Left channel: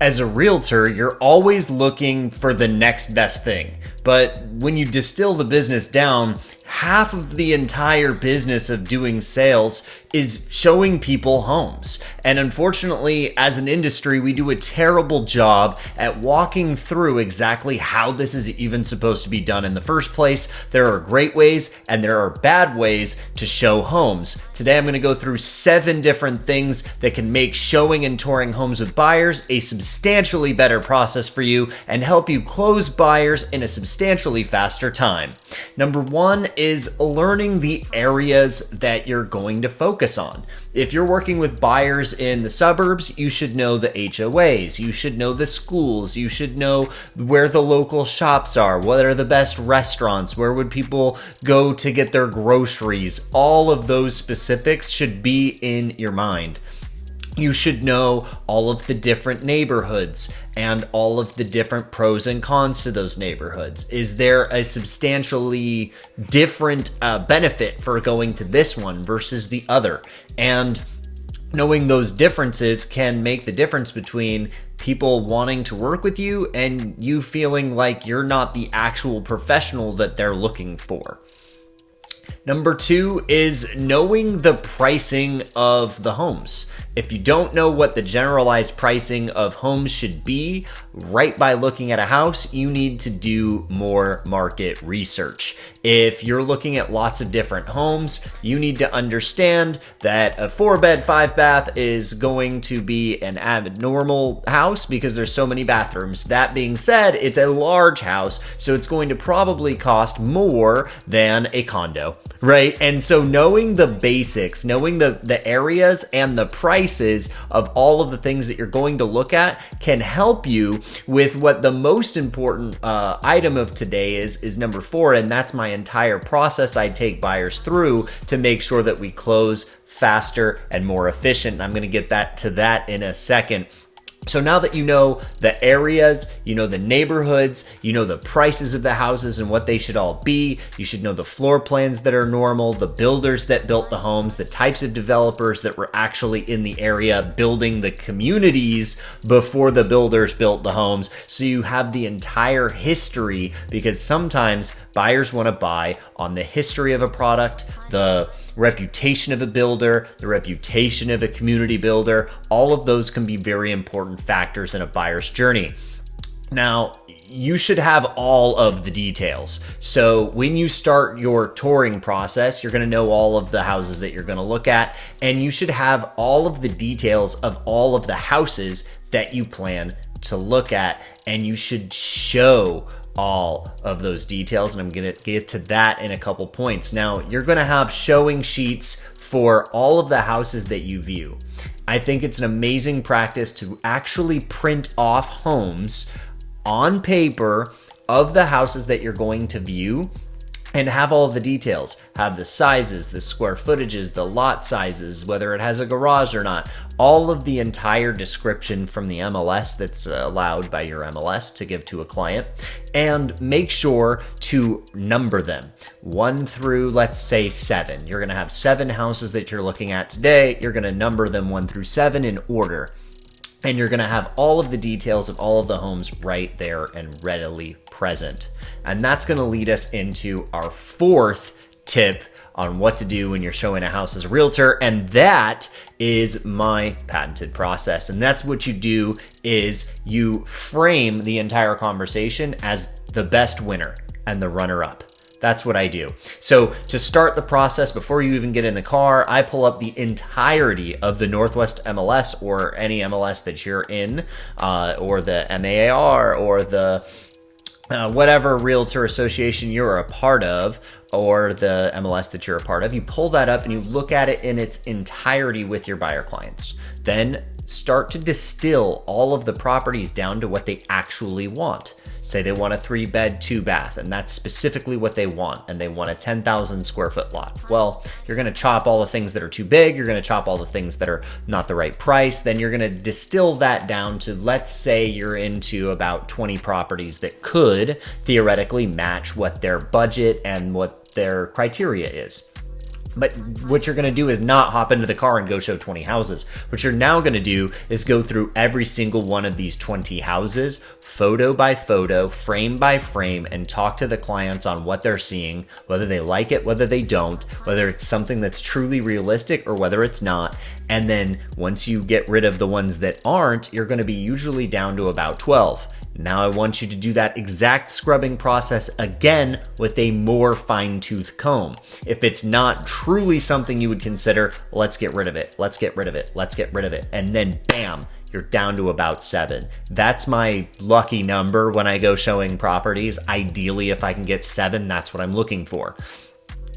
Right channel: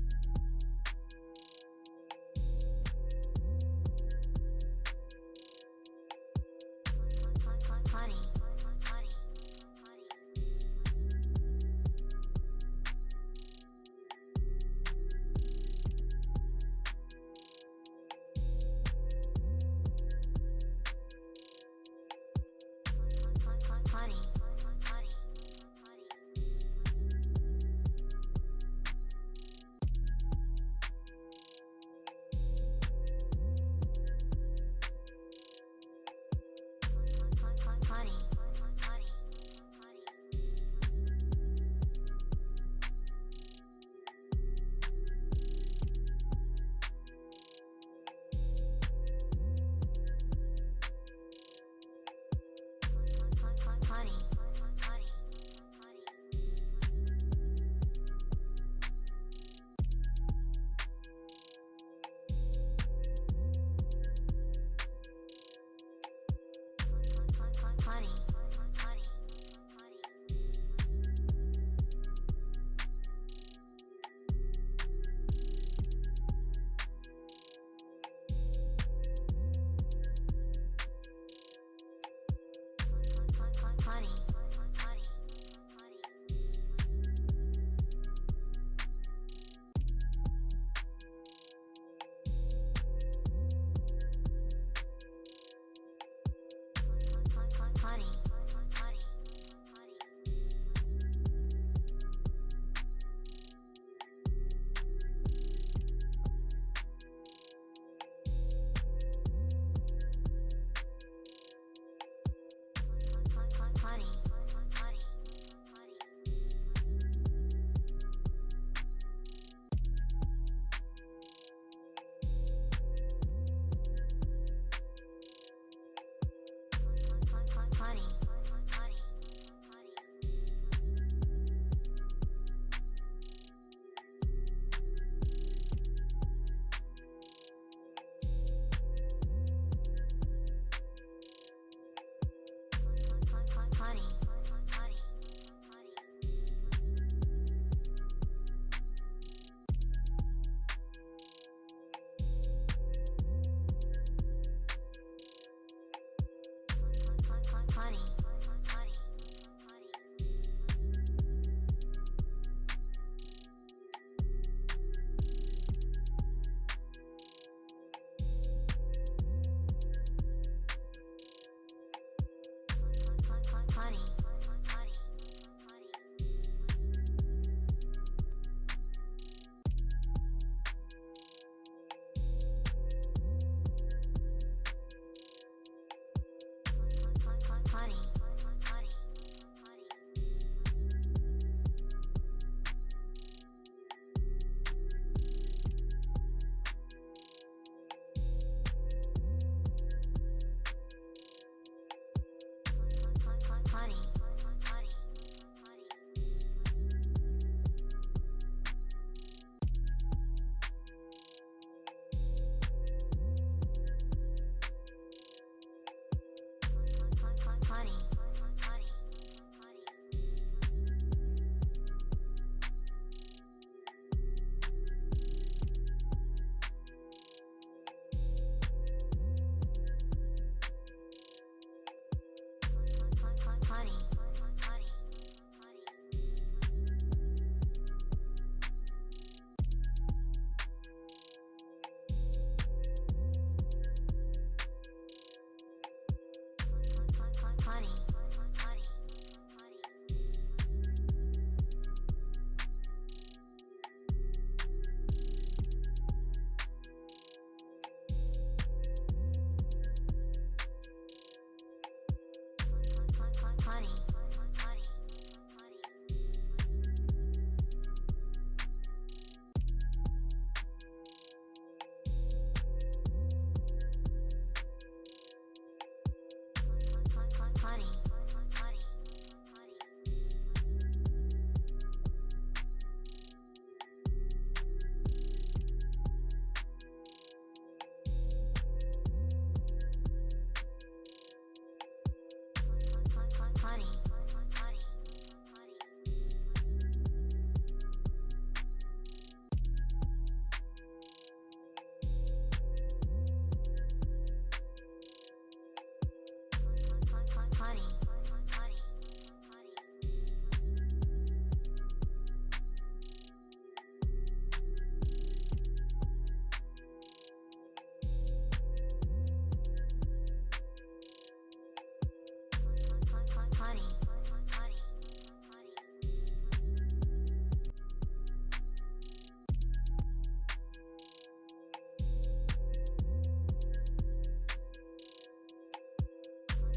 As a realtor, you're always looking for the next best thing. But when you distill the business down, half of the entire business of doing sales is showing people homes. And unfortunately, as an industry, we do a terrible job at walking through exactly how this is even supposed to be done in the first place. There are great ways and there are bad ways to show homes. Today, I'm going to go through 7 different things that can make showing and touring homes with buyers a substantially better process for you and help you close buyers in a substantially faster time. Number 1 is learning the areas that you're going to focus on. If you're working with buyers in the suburbs, you should know the HOAs, you should know the schools, you should know where the local shops are, what are the best restaurants, where would people go to get their groceries. All of those specifics should be in your mind. You should know all of the different neighborhoods and all of the different pros and cons to those neighborhoods. Is there a substantially different benefit for going to this one versus the other? And knowing those differences can make the difference between people wanting to work with you and you feeling like you're not the actual professional that they're looking for. Number 2 is knowing the pricing of the homes. If you don't know what the generalized pricing of homes should be, right by looking at a house, you need to do more market research. If you're looking at lots of different homes, you need to understand that a 4-bed, 5-bath is going to be an abnormal house because there's so many bathrooms. That being said, it's a large house, so it's going to probably cost more than a condo, right? And so knowing the basics, knowing the areas and the prices of all of the things that you're going to look at can help you with what the most important item of today is number 4, and that's my entire process I take buyers through to make sure that we close faster and more efficient. And I'm going to get to that in a second. So now that you know the areas, you know the neighborhoods, you know the prices of the houses and what they should all be, you should know the floor plans that are normal, the builders that built the homes, the types of developers that were actually in the area building the communities before the builders built the homes. So you have the entire history, because sometimes buyers want to buy on the history of a product, the reputation of a builder, the reputation of a community builder. All of those can be very important factors in a buyer's journey. Now, you should have all of the details. So when you start your touring process, you're going to know all of the houses that you're going to look at, and you should have all of the details of all of the houses that you plan to look at, and you should show all of those details, and I'm going to get to that in a couple points. Now, you're going to have showing sheets for all of the houses that you view. I think it's an amazing practice to actually print off homes on paper of the houses that you're going to view and have all of the details. Have the sizes, the square footages, the lot sizes, whether it has a garage or not, all of the entire description from the MLS that's allowed by your MLS to give to a client, and make sure to number them 1 through, let's say, 7. You're gonna have 7 houses that you're looking at today. You're gonna number them 1 through 7 in order. And you're gonna have all of the details of all of the homes right there and readily present. And that's gonna lead us into our 4th tip on what to do when you're showing a house as a realtor, and that is my patented process. And that's what you do is you frame the entire conversation as the best winner and the runner-up. That's what I do. So to start the process, before you even get in the car, I pull up the entirety of the Northwest MLS or any MLS that you're in, or the MAAR or the whatever realtor association you're a part of, or the MLS that you're a part of. You pull that up and you look at it in its entirety with your buyer clients. Then start to distill all of the properties down to what they actually want. Say they want a 3-bed, 2-bath, and that's specifically what they want, and they want a 10,000 square foot lot. Well, you're gonna chop all the things that are too big, you're gonna chop all the things that are not the right price, then you're gonna distill that down to, let's say you're into about 20 properties that could theoretically match what their budget and what their criteria is. But what you're going to do is not hop into the car and go show 20 houses. What you're now going to do is go through every single one of these 20 houses, photo by photo, frame by frame, and talk to the clients on what they're seeing, whether they like it, whether they don't, whether it's something that's truly realistic or whether it's not. And then once you get rid of the ones that aren't, you're going to be usually down to about 12. Now I want you to do that exact scrubbing process again with a more fine-tooth comb. If it's not truly something you would consider, let's get rid of it. Let's get rid of it. Let's get rid of it. And then bam, you're down to about 7. That's my lucky number when I go showing properties. Ideally, if I can get 7, that's what I'm looking for.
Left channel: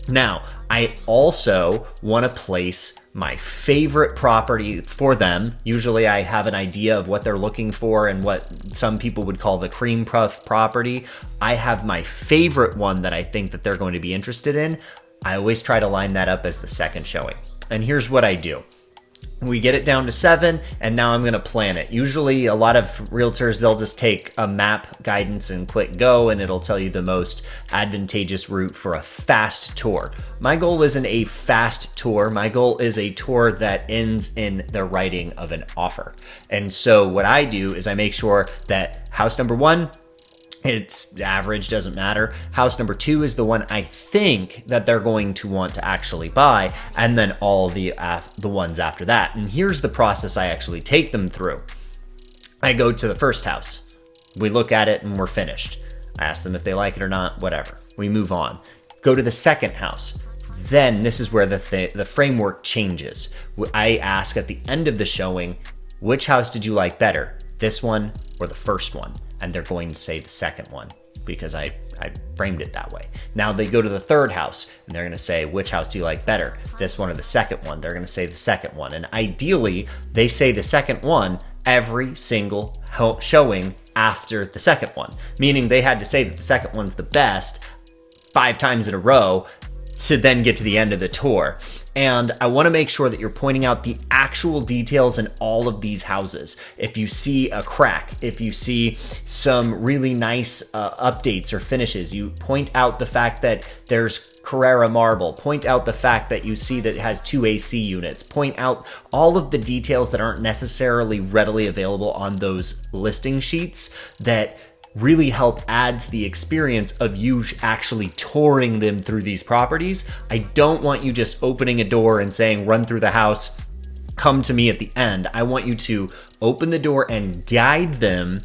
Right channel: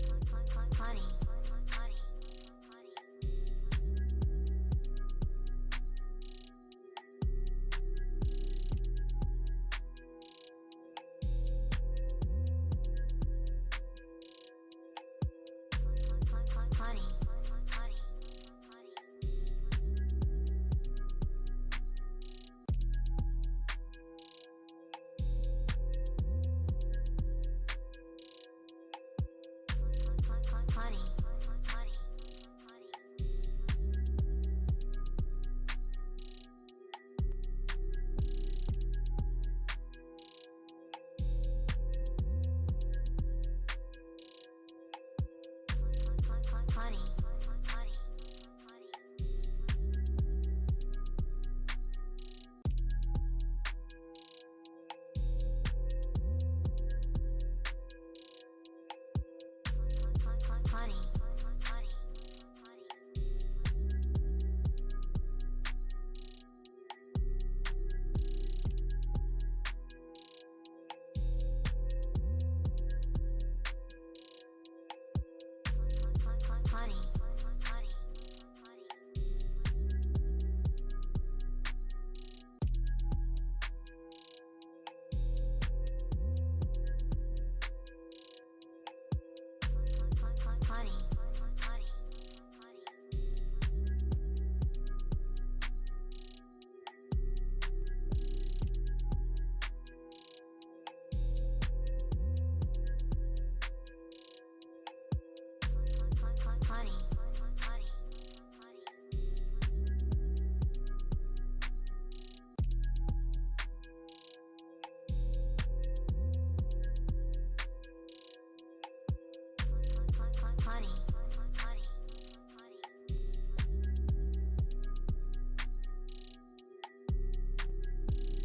Now, I also want to place my favorite property for them. Usually I have an idea of what they're looking for and what some people would call the cream puff property. I have my favorite one that I think that they're going to be interested in. I always try to line that up as the second showing. And here's what I do. We get it down to 7, and now I'm going to plan it. Usually a lot of realtors, they'll just take a map guidance and click go, and it'll tell you the most advantageous route for a fast tour. My goal isn't a fast tour. My goal is a tour that ends in the writing of an offer. And so what I do is I make sure that house number 1, it's average, doesn't matter. House number 2 is the one I think that they're going to want to actually buy, and then all the ones after that. And here's the process I actually take them through. I go to the first house. We look at it and we're finished. I ask them if they like it or not, whatever. We move on. Go to the second house. Then this is where the framework changes. I ask at the end of the showing, which house did you like better, this one or the first one? And they're going to say the second one because I framed it that way. Now they go to the third house and they're going to say, which house do you like better, this one or the second one? They're going to say the second one. And ideally, they say the second one every single showing after the second one, meaning they had to say that the second one's the best 5 times in a row to then get to the end of the tour. And I want to make sure that you're pointing out the actual details in all of these houses. If you see a crack, if you see some really nice updates or finishes, you point out the fact that there's Carrara marble, point out the fact that you see that it has 2 AC units, point out all of the details that aren't necessarily readily available on those listing sheets that really help add to the experience of you actually touring them through these properties. I don't want you just opening a door and saying, run through the house, come to me at the end. I want you to open the door and guide them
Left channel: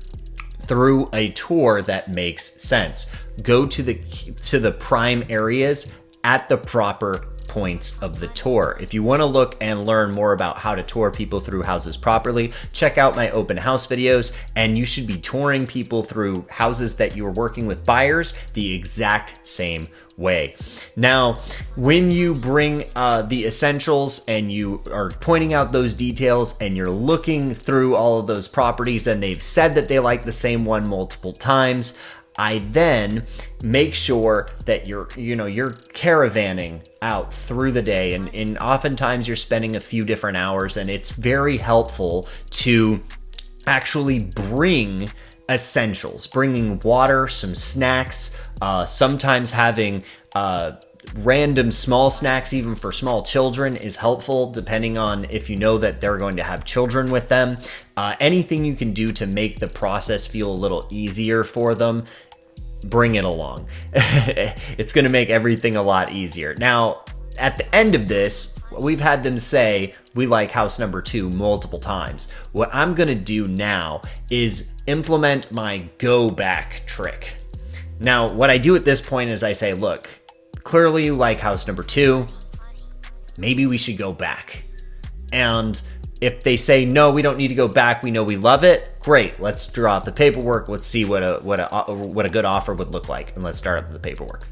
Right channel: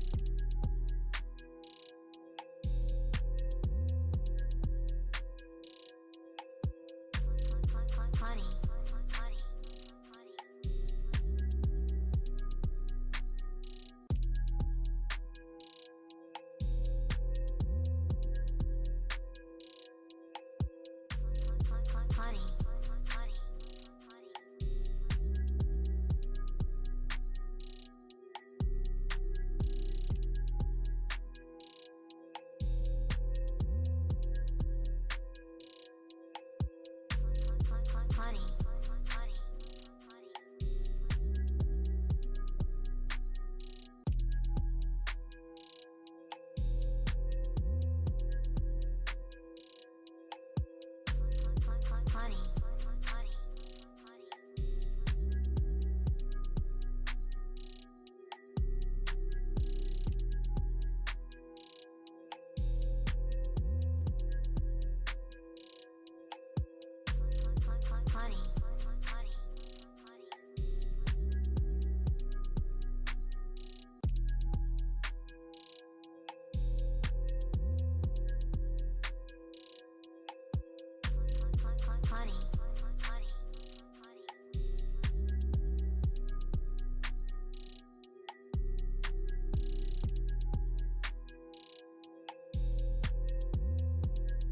through a tour that makes sense. Go to the prime areas at the proper points of the tour. If you want to look and learn more about how to tour people through houses properly, check out my open house videos, and you should be touring people through houses that you're working with buyers the exact same way. Now, when you bring the essentials and you are pointing out those details and you're looking through all of those properties and they've said that they like the same one multiple times, I then make sure that you're caravanning out through the day, and oftentimes you're spending a few different hours, and it's very helpful to actually bring essentials, bringing water, some snacks, sometimes having random small snacks, even for small children, is helpful depending on if you know that they're going to have children with them. Anything you can do to make the process feel a little easier for them, bring it along. It's going to make everything a lot easier. Now, at the end of this, we've had them say, we like house number 2 multiple times. What I'm going to do now is implement my go back trick. Now, what I do at this point is I say, look, clearly you like house number 2. Maybe we should go back. And if they say, no, we don't need to go back, we know we love it, great. Let's draw out the paperwork. Let's see what a good offer would look like, and let's start up the paperwork.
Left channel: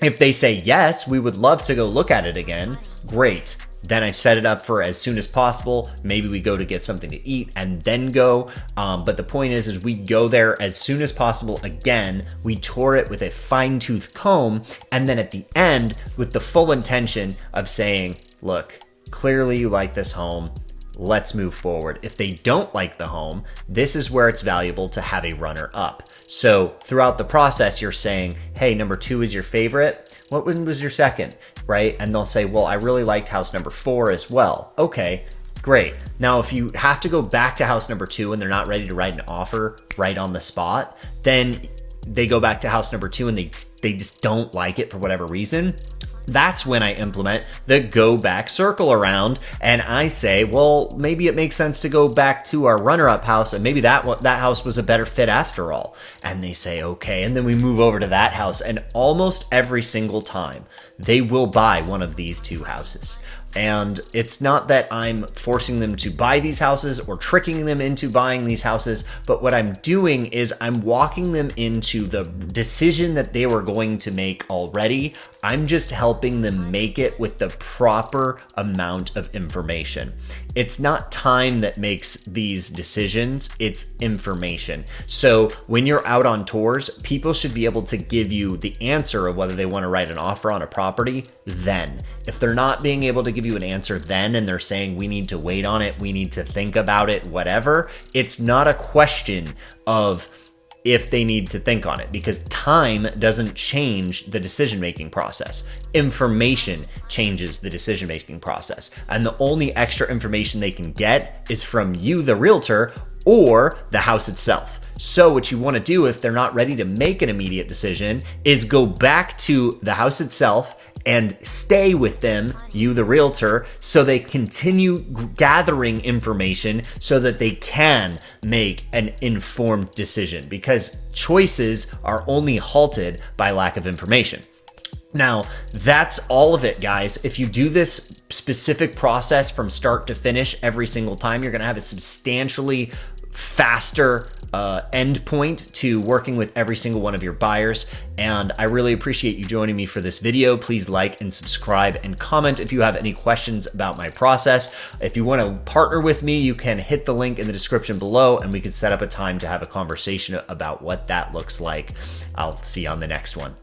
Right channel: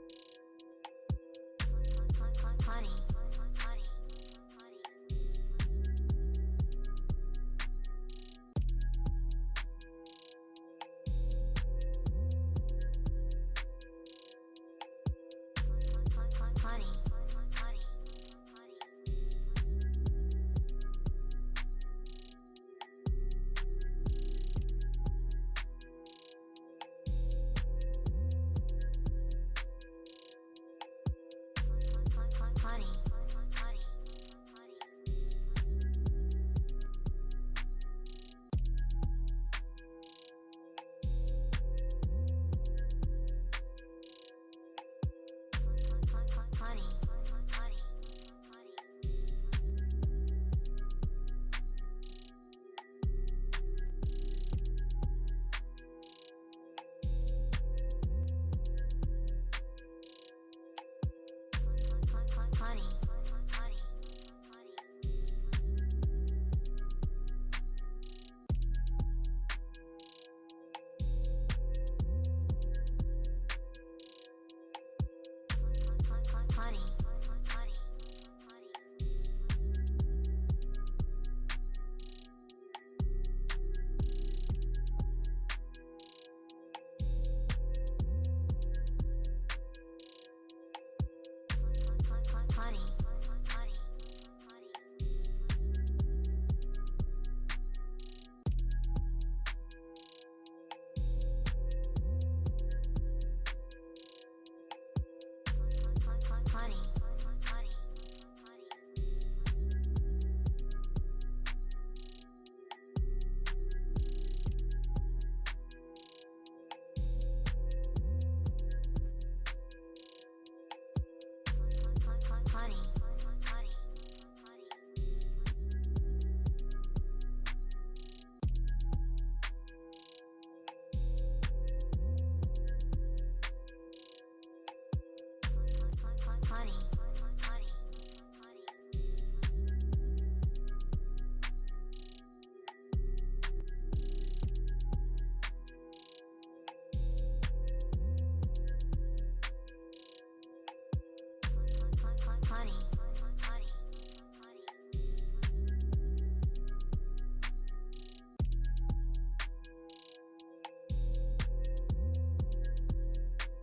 If they say, yes, we would love to go look at it again, great. Then I set it up for as soon as possible. Maybe we go to get something to eat and then go. But the point is we go there as soon as possible. Again, we tour it with a fine-tooth comb, and then at the end with the full intention of saying, look, clearly you like this home. Let's move forward. If they don't like the home, this is where it's valuable to have a runner up. So throughout the process, you're saying, hey, number 2 is your favorite. What one was your second, right? And they'll say, well, I really liked house number 4 as well. Okay, great. Now, if you have to go back to house number 2 and they're not ready to write an offer right on the spot, then they go back to house number 2 and they just don't like it for whatever reason. That's when I implement the go back circle around, and I say, well, maybe it makes sense to go back to our runner-up house, and maybe that house was a better fit after all. And they say, okay, and then we move over to that house, and almost every single time they will buy one of these 2 houses. And it's not that I'm forcing them to buy these houses or tricking them into buying these houses, but what I'm doing is I'm walking them into the decision that they were going to make already. I'm just helping them make it with the proper amount of information. It's not time that makes these decisions, it's information. So when you're out on tours, people should be able to give you the answer of whether they want to write an offer on a property then. If they're not being able to give you an answer then and they're saying we need to wait on it, we need to think about it, whatever, it's not a question of if they need to think on it, because time doesn't change the decision-making process. Information changes the decision-making process. And the only extra information they can get is from you, the realtor, or the house itself. So what you want to do if they're not ready to make an immediate decision is go back to the house itself and stay with them, you the realtor, so they continue gathering information so that they can make an informed decision, because choices are only halted by lack of information. Now, that's all of it, guys. If you do this specific process from start to finish every single time, you're going to have a substantially faster end point to working with every single one of your buyers. And I really appreciate you joining me for this video. Please like and subscribe and comment if you have any questions about my process. If you want to partner with me, you can hit the link in the description below and we can set up a time to have a conversation about what that looks like. I'll see you on the next one.